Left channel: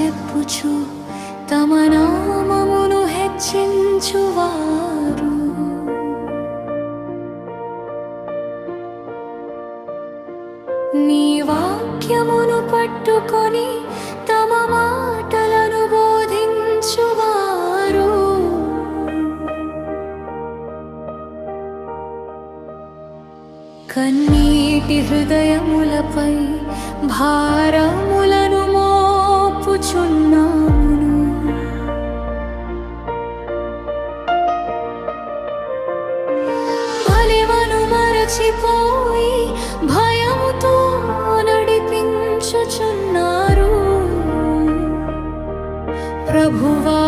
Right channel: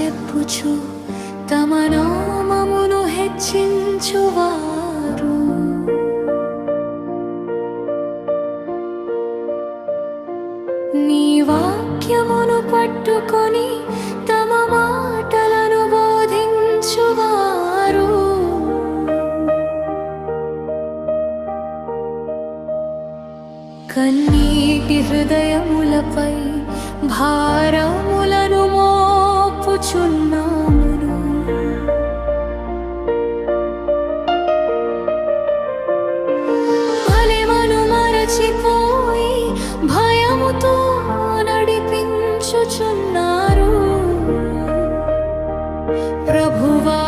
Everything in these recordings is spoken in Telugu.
చెప్పుచు తమ నామమును హెచ్చించువారు. నీ వాక్యమును పట్టుకొని తమ మాటలను బోధించువారు. కన్నీటి హృదయములపై భారములను మోపుచున్నామును. బలెమను మరచిపోయి భయముతో నడిపించుచున్నారు. ప్రభువా,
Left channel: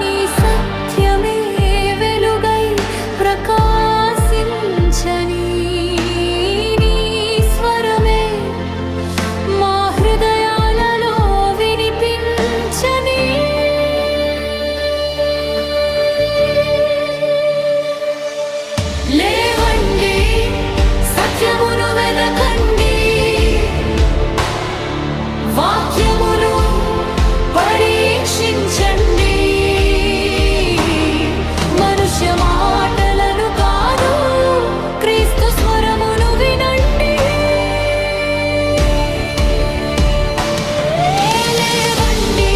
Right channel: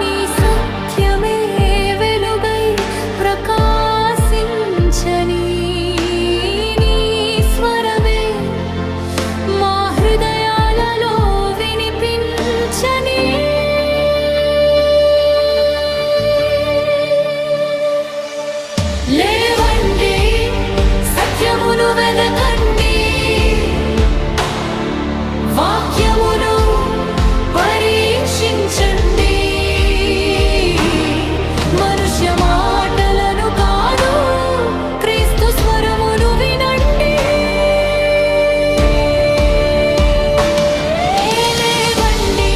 నీ సత్యమే వెలుగై ప్రకాశించని, నీ స్వరమే మా హృదయాలలో వినిపించని. లేవండి, సత్యమును వెదకండి, వాక్యమును పరీక్షించండి. మనుష్య మాటలను కాదు, క్రీస్తు స్వరమును వినండి. లేవండి,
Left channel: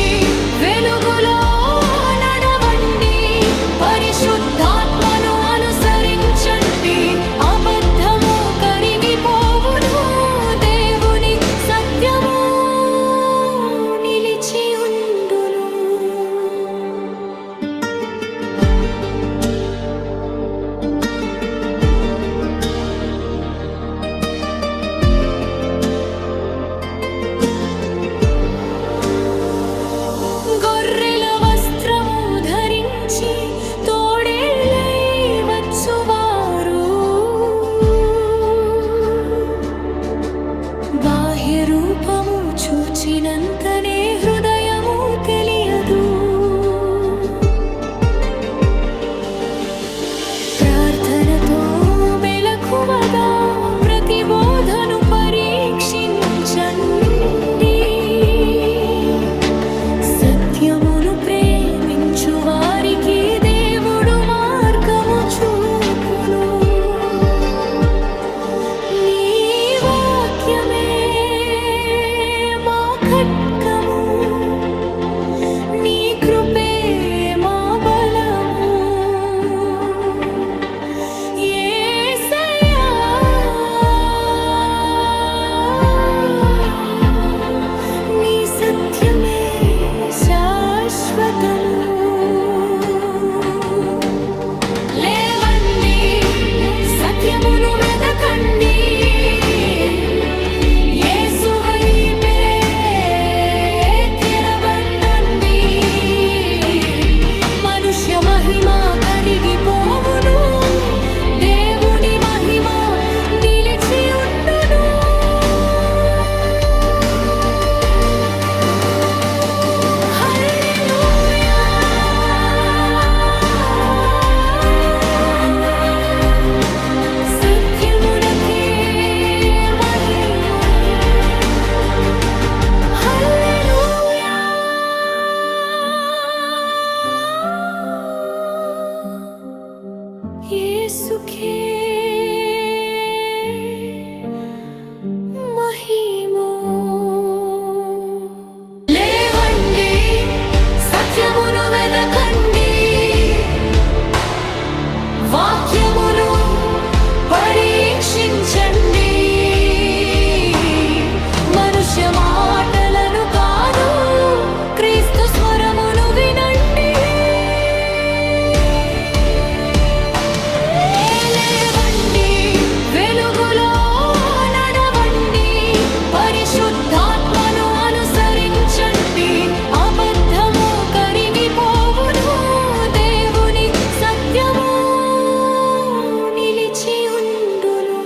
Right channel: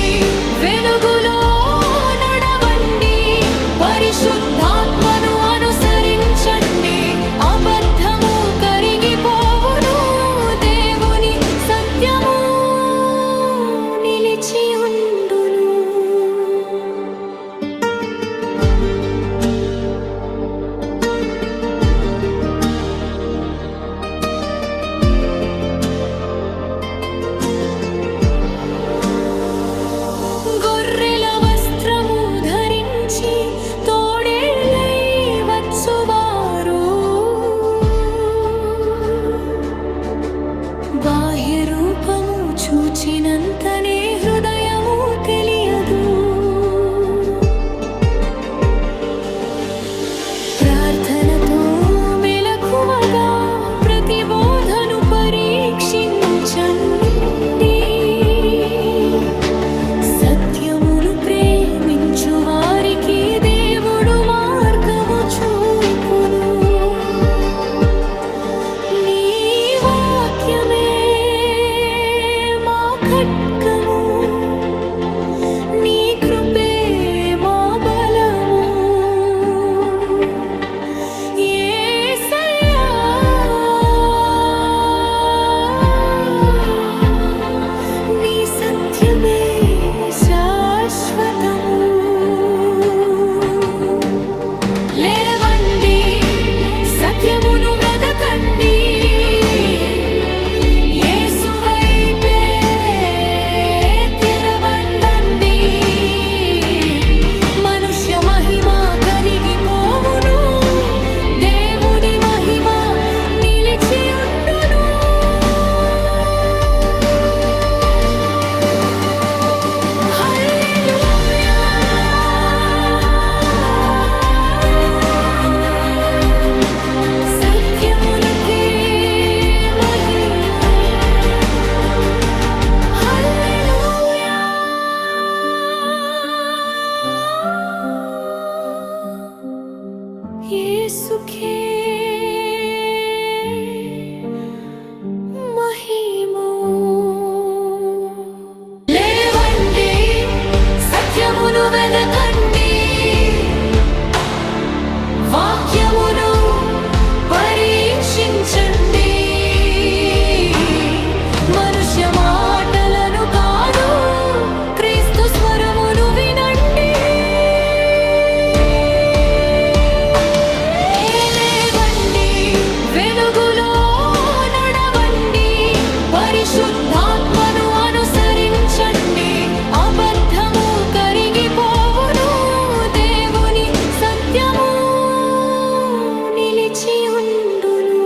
వెలుగులో నడవండి, పరిశుద్ధాత్మను అనుసరించండి. అబద్ధము కరిగిపోవును, దేవుని సత్యము నిలిచి ఉండును. గొర్రెల వస్త్రము ధరించి తోడేళ్ళై వచ్చువారు. బాహ్య రూపము చూచినంతనే హృదయము తెలియదు. ప్రార్థనతో మెలకువగా ప్రతిబోధను పరీక్షించండి. సత్యమును ప్రేమించు వారికి దేవుడు మార్గము చూపును. నీ వాక్యమే మా ఖడ్గము, నీ కృపే మా బలము. యేసయ్యా, నీ సత్యమే శాశ్వతము. లేవండి, సత్యమును వెదకండి, యేసు వైపే తిరగండి. మనుష్య మహిమ కరిగిపోవును, దేవుని మహిమ నిలిచి ఉండును. హల్లెలూయా, సత్యమునకే మహిమ. హల్లెలూయా, యేసుకే మహిమ. లేవండి, సత్యమును వెదకండి, వాక్యమును పరీక్షించండి. మనుష్య మాటలను కాదు, క్రీస్తు స్వరమును వినండి. లేవండి, వెలుగులో నడవండి, పరిశుద్ధాత్మను అనుసరించండి. అబద్ధము కరిగిపోవును, దేవుని సత్యము నిలిచి ఉండును.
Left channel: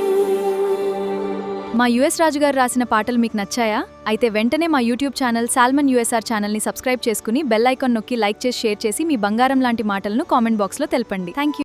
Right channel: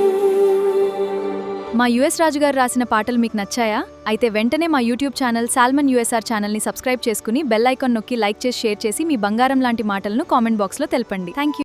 మా యుఎస్ రాజుగారు రాసిన పాటలు మీకు నచ్చాయా? అయితే వెంటనే మా యూట్యూబ్ ఛానల్ సాల్మన్ యూఎస్ఆర్ ఛానల్ని సబ్స్క్రైబ్ చేసుకుని బెల్ ఐకాన్ నొక్కి లైక్ చేసి షేర్ చేసి మీ బంగారం లాంటి మాటలను కామెంట్ బాక్స్లో తెలపండి. Thank you.